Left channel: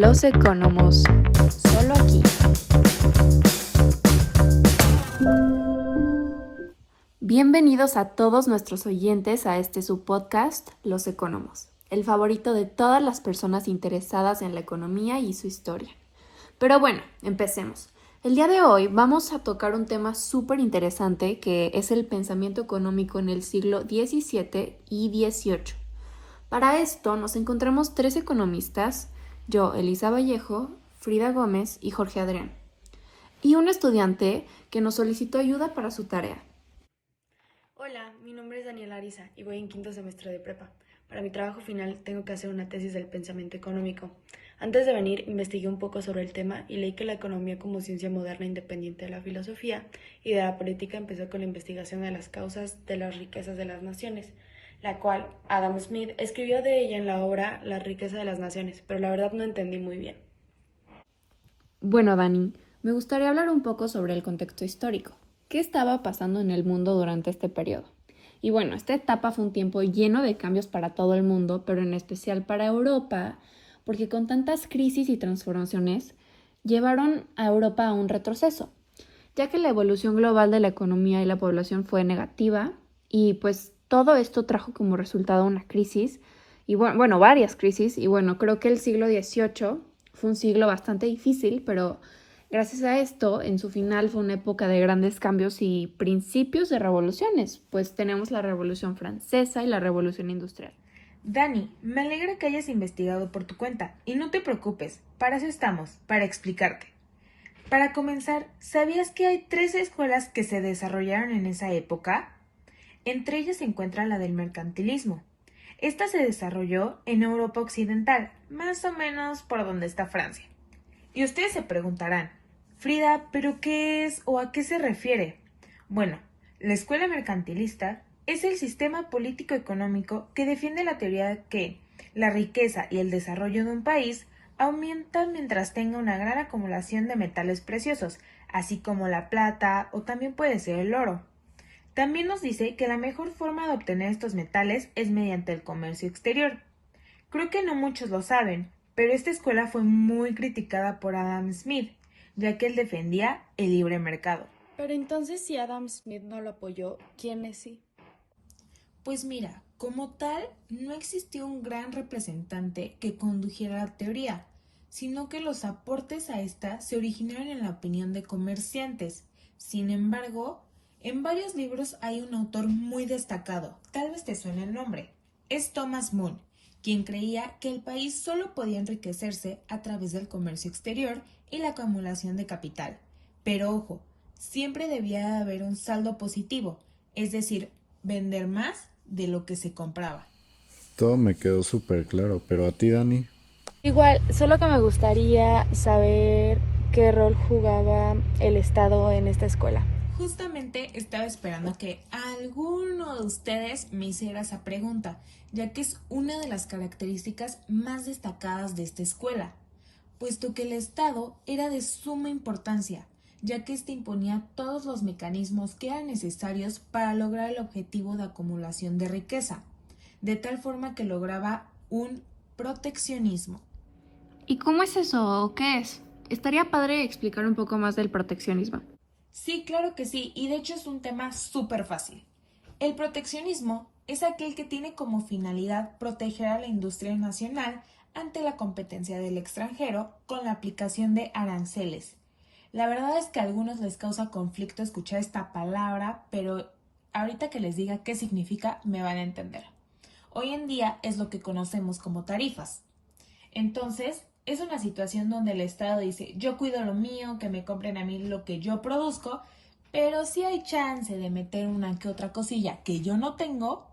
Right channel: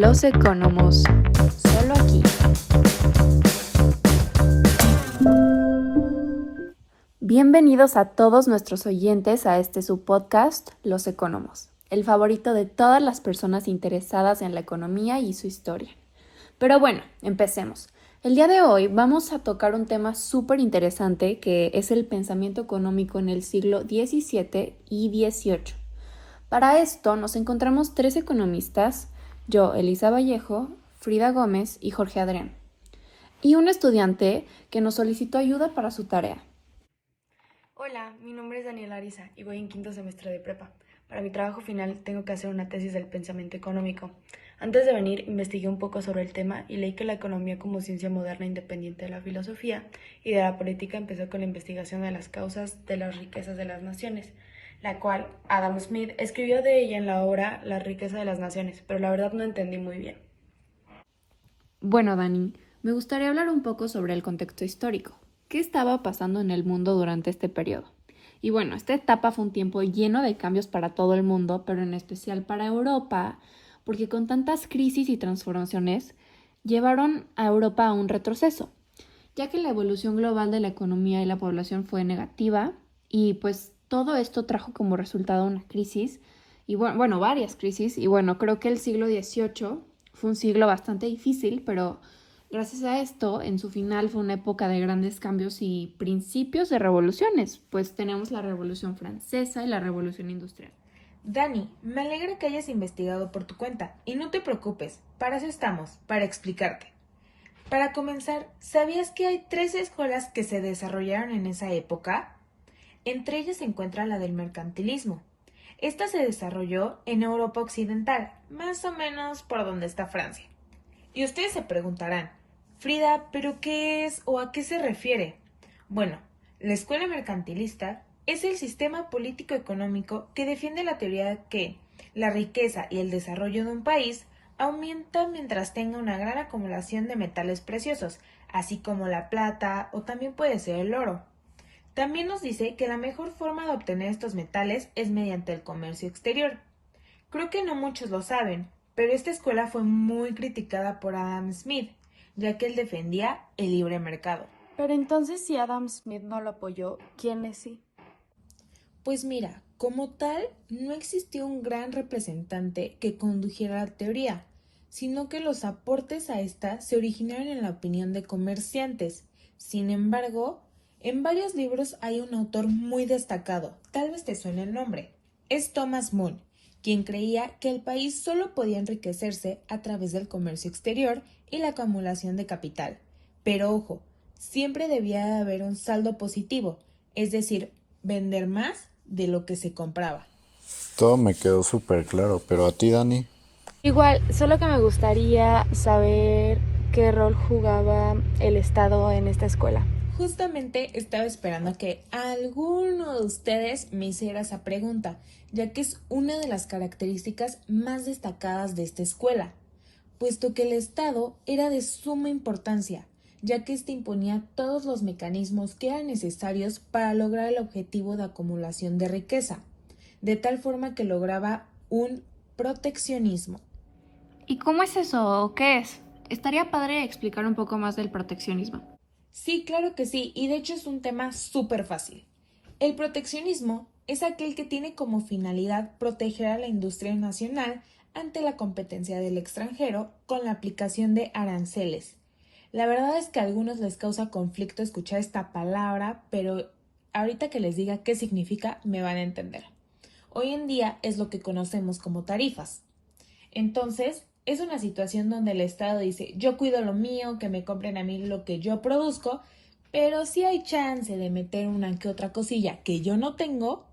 Los Economos, solo aquí. Bienvenidos a todos nuestros oyentes a este su podcast, Los Economos, el favorito de todas las personas interesadas en la economía y su historia. Pero bueno, empecemos. El día de hoy vamos a tocar un tema súper interesante que es el pensamiento económico en el siglo XVII y XVIII. Para esto nos encontramos tres economistas, yo, Elisa Vallejo, Frida Gómez y Jorge Adrián, y un estudiante que nos solicitó ayuda para su tarea. Hola, mi nombre es Daniela Ariza y voy en quinto semestre de prepa. Para mi trabajo final tengo que hacer una tesis del pensamiento económico. Antes de venir investigué un poco sobre el tema y leí que la economía como ciencia moderna independiente de la filosofía y de la política empezó con la investigación de las causas de las riquezas de las naciones, la cual Adam Smith escribió de ella en la obra La riqueza de las naciones, pero la verdad no entendí muy bien. Bueno, Dani, me gustaría hablar un poco sobre el contexto histórico. ¿Qué estaba pasando en el mundo durante este periodo? Y bueno, esta etapa fue un tiempo lleno de cambios para todo el mundo, pero en especial para Europa, porque con tantas crisis y transformaciones llevaron a Europa a un retroceso, ya que la evolución global de la economía y la población fue negativa y pues todo esto trajo como resultado una crisis y bueno, varias crisis y bueno, creo que el siglo XVIII fue un siglo bastante difícil, pero gracias a esto, en su final fue una época de grandes cambios y principios de revoluciones, pues tenemos la Revolución Francesa y la Revolución Industrial. Dani, me alegra que hayas investigado por tu cuenta y no te preocupes, para eso estamos, para explicarte. Para comenzar, ¿sabías que hay tres escuelas que se desarrollaron en esa época? Entre ellas se encuentra la del mercantilismo. Esta se desarrolló en Europa Occidental, más o menos por donde está Francia. Y ustedes se preguntarán, Frida, ¿pero qué es o a qué se refiere? Bueno, la escuela mercantilista es el sistema político-económico que defiende la teoría de que la riqueza y el desarrollo de un país aumentan mientras tenga una gran acumulación de metales preciosos, así como la plata o también puede ser el oro. También nos dice que la mejor forma de obtener estos metales es mediante el comercio exterior. Creo que no muchos lo saben, pero esta escuela fue muy criticada por Adam Smith, ya que él defendía el libre mercado. Pero entonces, si Adam Smith no lo apoyó, ¿quiénes sí? Pues mira, como tal, no existió un gran representante que condujera la teoría, sino que los aportes a esta se originaron en la opinión de comerciantes. Sin embargo, en varios libros hay un autor muy destacado, tal vez te suene el nombre. Es Thomas Moon, quien creía que el país solo podía enriquecerse a través del comercio exterior y la acumulación de capital. Pero ojo, siempre debía haber un saldo positivo, es decir, vender más de lo que se compraba. Todo me quedó súper claro, pero a ti, Dani. Igual, solo que me gustaría saber qué rol jugaba el Estado en esta escuela. Justamente estaba esperando que alguno de ustedes me hiciera esa pregunta, ya que es una de las características más destacadas de esta escuela, puesto que el Estado era de suma importancia, ya que éste imponía todos los mecanismos que eran necesarios para lograr el objetivo de acumulación de riqueza, de tal forma que lograba un proteccionismo. ¿Y cómo es eso o qué es? Estaría padre explicar un poco más del proteccionismo. Sí, claro que sí, y de hecho es un tema súper fácil. El proteccionismo es aquel que tiene como finalidad proteger a la industria nacional ante la competencia del extranjero con la aplicación de aranceles. La verdad es que a algunos les causa conflicto escuchar esta palabra, pero ahorita que les diga qué significa me van a entender. Hoy en día es lo que conocemos como tarifas. Entonces, es una situación donde el Estado dice, yo cuido lo mío, que me compren a mí lo que yo produzco, pero si hay chance de meter una que otra cosilla que yo no tengo,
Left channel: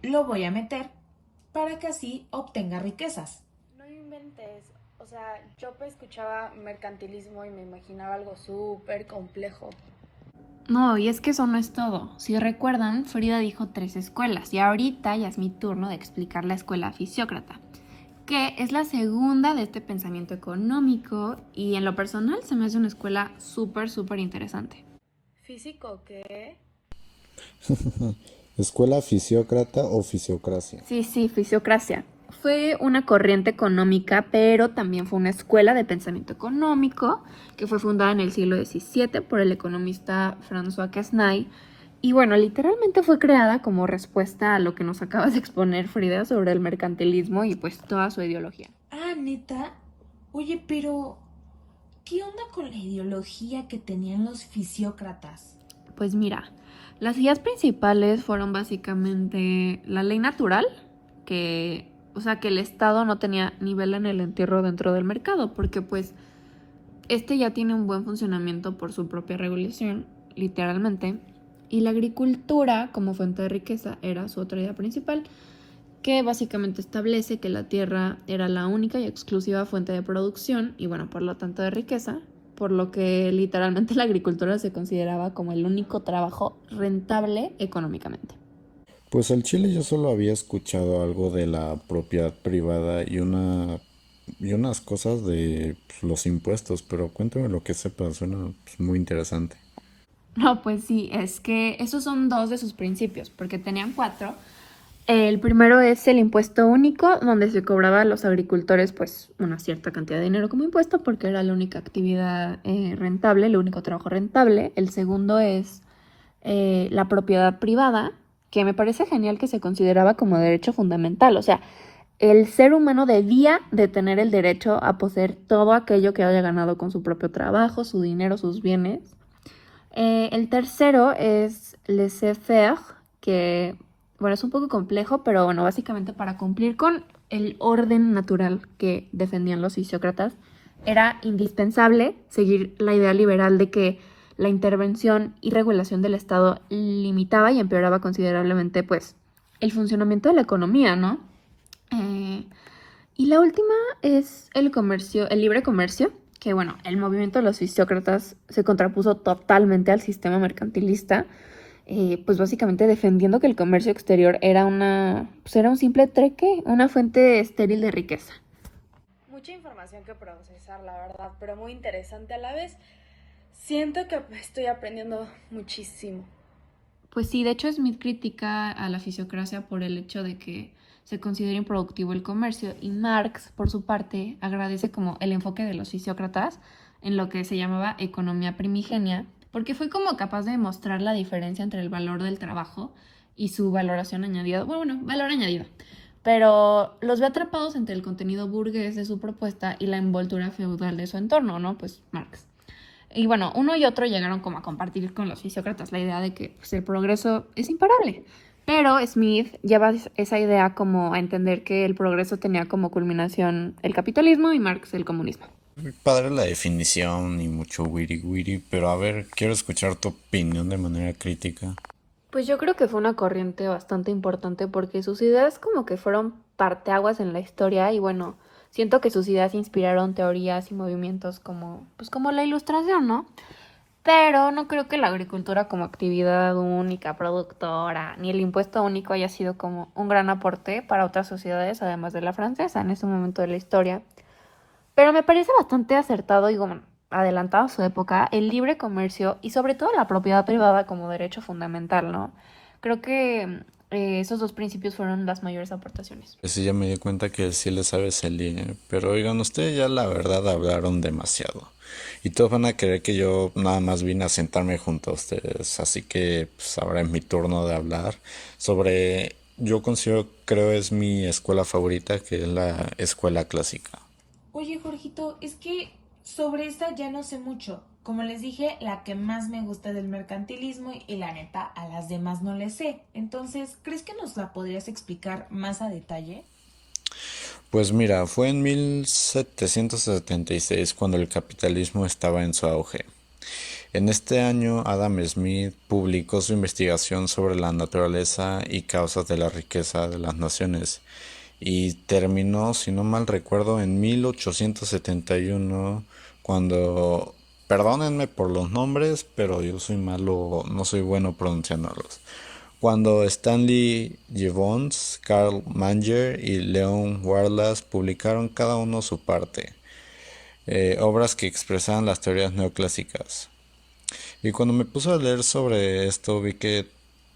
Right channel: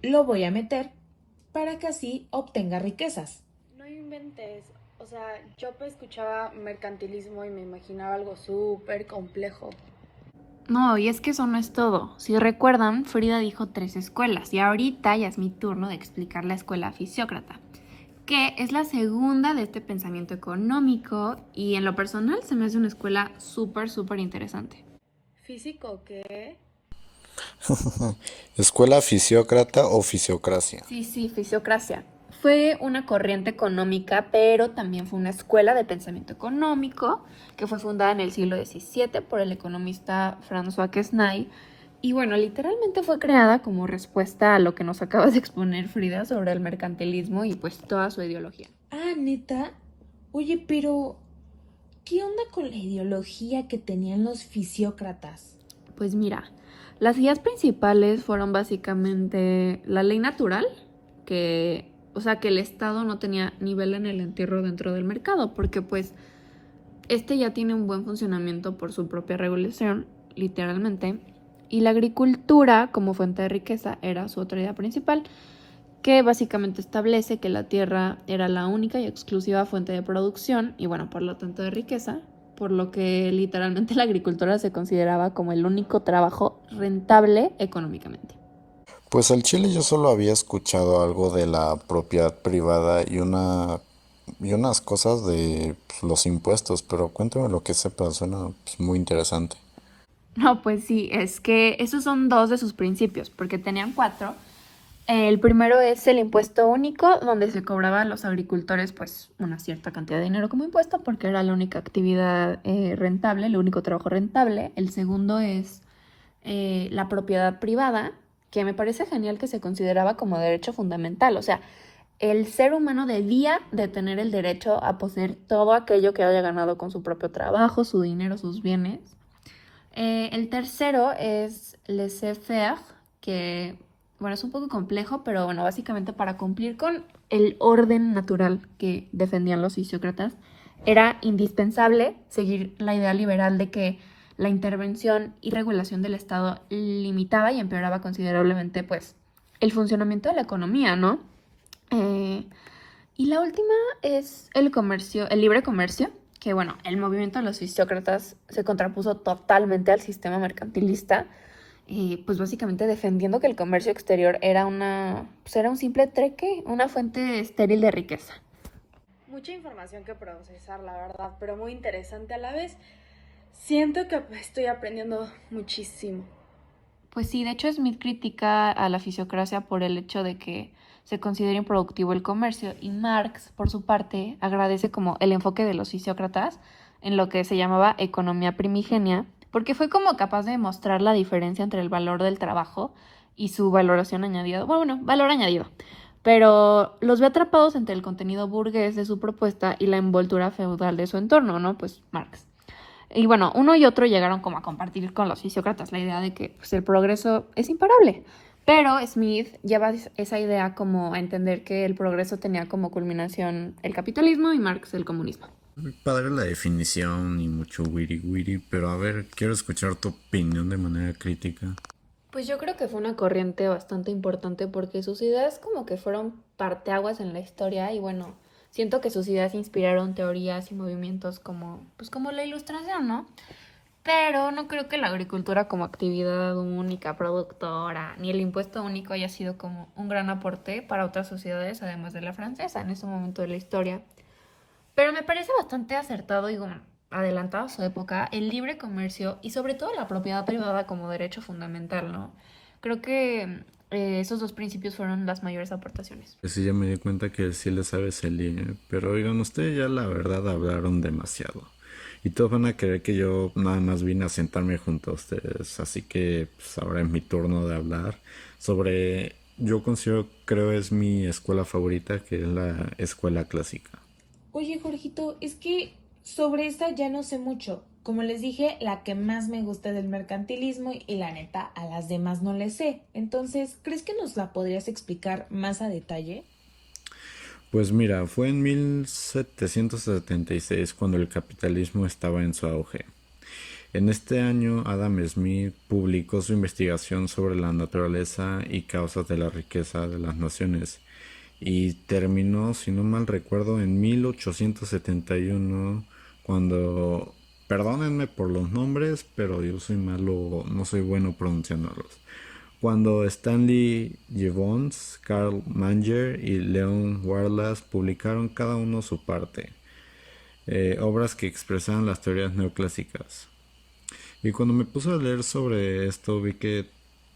lo voy a meter para que así obtenga riquezas. No inventes, o sea, yo escuchaba mercantilismo y me imaginaba algo súper complejo. No, y es que eso no es todo. Si recuerdan, Frida dijo tres escuelas y ahorita ya es mi turno de explicar la escuela fisiócrata, que es la segunda de este pensamiento económico y en lo personal se me hace una escuela súper interesante. ¿Físico qué? ¿Escuela fisiócrata o fisiocracia? Sí, fisiocracia. fue una corriente económica, pero también fue una escuela de pensamiento económico que fue fundada en el siglo XVII por el economista François Quesnay. Y bueno, literalmente fue creada como respuesta a lo que nos acabas de exponer, Frida, sobre el mercantilismo y pues toda su ideología. Ah, neta. Oye, pero ¿qué onda con la ideología que tenían los fisiócratas? Pues mira, las ideas principales fueron básicamente la ley natural, que el Estado no tenía nivel en el entierro dentro del mercado, porque pues este ya tiene un buen funcionamiento por su propia regulación, literalmente, y la agricultura como fuente de riqueza era su otra idea principal, que básicamente establece que la tierra era la única y exclusiva fuente de producción y bueno, por lo tanto de riqueza, por lo que literalmente la agricultura se consideraba como el único trabajo rentable económicamente. Pues al Chile yo solo había escuchado algo de la propiedad privada y unas cosas de los impuestos, pero cuéntame lo que sepas, suena pues, muy interesante. No, pues sí, es que esos son dos de sus principios, porque tenían cuatro. El primero es el impuesto único, donde se cobraba a los agricultores pues una cierta cantidad de dinero como impuesto, porque era la única actividad rentable, el único trabajo rentable. El segundo es la propiedad privada, que me parece genial que se consideraba como derecho fundamental. O sea, el ser humano debía de tener el derecho a poseer todo aquello que haya ganado con su propio trabajo, su dinero, sus bienes. El tercero es laissez-faire, que, bueno, es un poco complejo, pero bueno, básicamente para cumplir con el orden natural que defendían los fisiócratas, era indispensable seguir la idea liberal de que la intervención y regulación del Estado limitaba y empeoraba considerablemente, pues, el funcionamiento de la economía, ¿no? Eh, y la última es el comercio, el libre comercio, que bueno, el movimiento de los fisiócratas se contrapuso totalmente al sistema mercantilista, pues básicamente defendiendo que el comercio exterior era un simple trueque, una fuente estéril de riqueza. Mucha información que procesar, la verdad, pero muy interesante a la vez. Siento que estoy aprendiendo muchísimo. Pues sí, de hecho Smith critica a la fisiocracia por el hecho de que se considera improductivo el comercio y Marx, por su parte, agradece como el enfoque de los fisiócratas en lo que se llamaba economía primigenia, porque fue como capaz de mostrar la diferencia entre el valor del trabajo y su valoración añadida, bueno, valor añadido, pero los ve atrapados entre el contenido burgués de su propuesta y la envoltura feudal de su entorno, ¿no? Pues Marx. Y bueno, uno y otro llegaron como a compartir con los fisiócratas la idea de que pues, el progreso es imparable. Pero Smith lleva esa idea como a entender que el progreso tenía como culminación el capitalismo y Marx el comunismo. Muy padre la definición y mucho wiri wiri, pero a ver, quiero escuchar tu opinión de manera crítica. Pues yo creo que fue una corriente bastante importante porque sus ideas como que fueron parteaguas en la historia y bueno, siento que sus ideas inspiraron teorías y movimientos como, pues como la ilustración, ¿no? Pero no creo que la agricultura como actividad única, productora, ni el impuesto único haya sido como un gran aporte para otras sociedades, además de la francesa, en ese momento de la historia. Pero me parece bastante acertado y bueno, adelantado a su época el libre comercio y sobre todo la propiedad privada como derecho fundamental, ¿no? Creo que esos dos principios fueron las mayores aportaciones. Pues sí, ya me di cuenta que sí le sabes el línea, pero oigan, ustedes ya la verdad hablaron demasiado. Y todos van a creer que yo nada más vine a sentarme junto a ustedes, así que pues ahora es mi turno de hablar sobre, yo considero, creo es mi escuela favorita, que es la escuela clásica. Oye, Jorgito, es que sobre esa ya no sé mucho. Como les dije, la que más me gusta es del mercantilismo y la neta, a las demás no les sé. Entonces, ¿crees que nos la podrías explicar más a detalle? Pues mira, fue en 1776 cuando el capitalismo estaba en su auge. En este año, Adam Smith publicó su investigación sobre la naturaleza y causas de la riqueza de las naciones y terminó, si no mal recuerdo, en 1871 cuando, perdónenme por los nombres, pero yo soy malo, no soy bueno pronunciándolos. Cuando Stanley Gibbons, Karl Manger y Leon Wallace publicaron cada uno su parte, obras que expresaban las teorías neoclásicas. Y cuando me puse a leer sobre esto vi que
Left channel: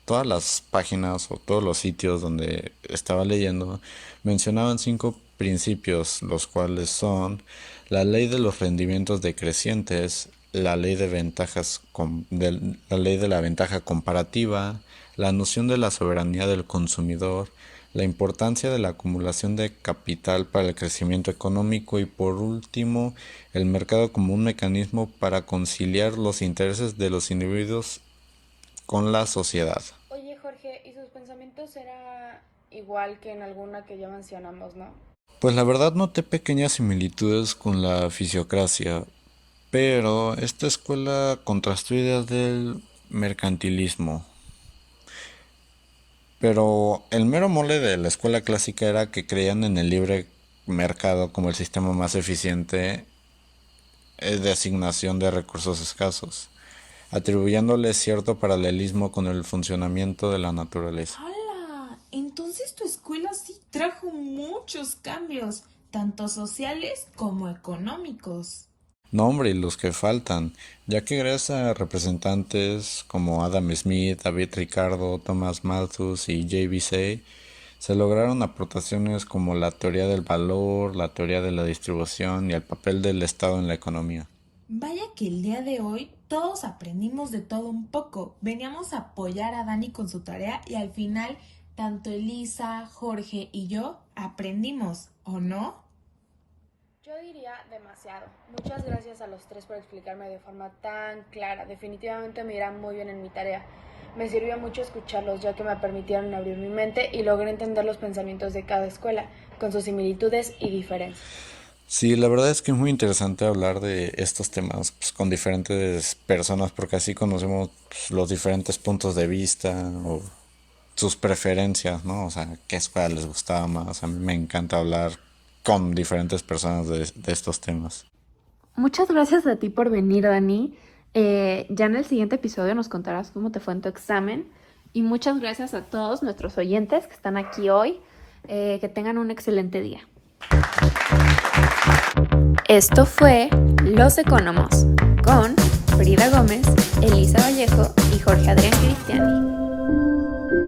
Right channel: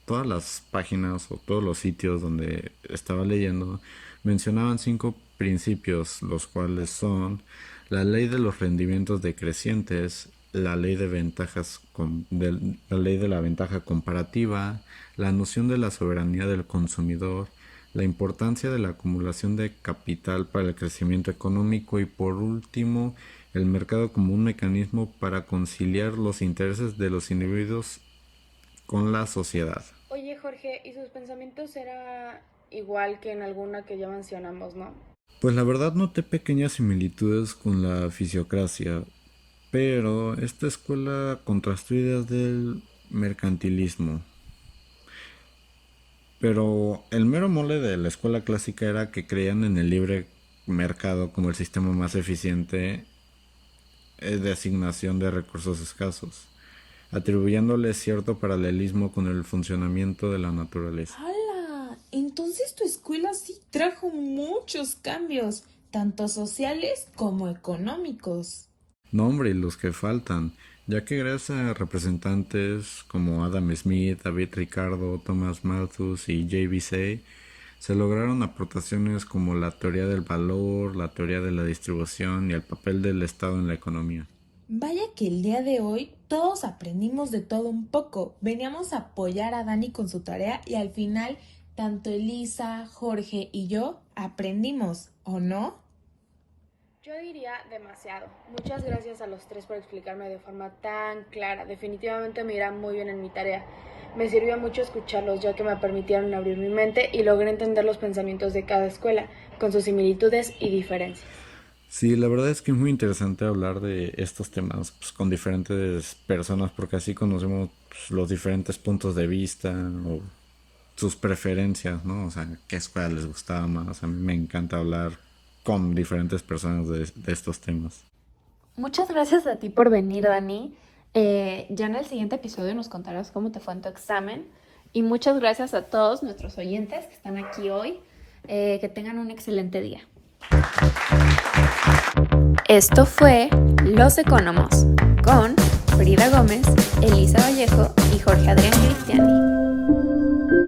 todas las páginas o todos los sitios donde estaba leyendo Mencionaban 5 principios, los cuales son la ley de los rendimientos decrecientes, la ley la ley de la ventaja comparativa, la noción de la soberanía del consumidor, la importancia de la acumulación de capital para el crecimiento económico y por último, el mercado como un mecanismo para conciliar los intereses de los individuos con la sociedad. Oye, Jorge, ¿y sus pensamientos era igual que en alguna que ya mencionamos, no? Pues la verdad noté pequeñas similitudes con la fisiocracia, pero esta escuela contrastó ideas del mercantilismo. Pero el mero mole de la escuela clásica era que creían en el libre mercado como el sistema más eficiente de asignación de recursos escasos, atribuyéndole cierto paralelismo con el funcionamiento de la naturaleza. ¡Hala! Entonces tu escuela sí trajo muchos cambios, tanto sociales como económicos. No, hombre, y los que faltan, ya que gracias a representantes como Adam Smith, David Ricardo, Thomas Malthus y JBC, se lograron aportaciones como la teoría del valor, la teoría de la distribución y el papel del Estado en la economía. Vaya que el día de hoy todos aprendimos de todo un poco. Veníamos a apoyar a Dani con su tarea y al final tanto Elisa, Jorge y yo aprendimos, ¿o no? Yo diría demasiado. Muchas gracias a los tres por explicarme de forma tan clara. Definitivamente me irá muy bien en mi tarea. Me sirvió mucho escucharlos ya que me permitieron abrir mi mente y logré entender los pensamientos de cada escuela, con sus similitudes y diferencias. Sí, la verdad es que es muy interesante hablar de estos temas pues, con diferentes personas porque así conocemos pues, los diferentes puntos de vista o sus preferencias, ¿no? O sea, qué escuela les gustaba más. A mí me encanta hablar con diferentes personas de estos temas. Muchas gracias a ti por venir, Dani. Ya en el siguiente episodio nos contarás cómo te fue en tu examen. Y muchas gracias a todos nuestros oyentes que están aquí hoy. Que tengan un excelente día. Esto fue Los Economos con Frida Gómez, Elisa Vallejo y Jorge Adrián Cristiani.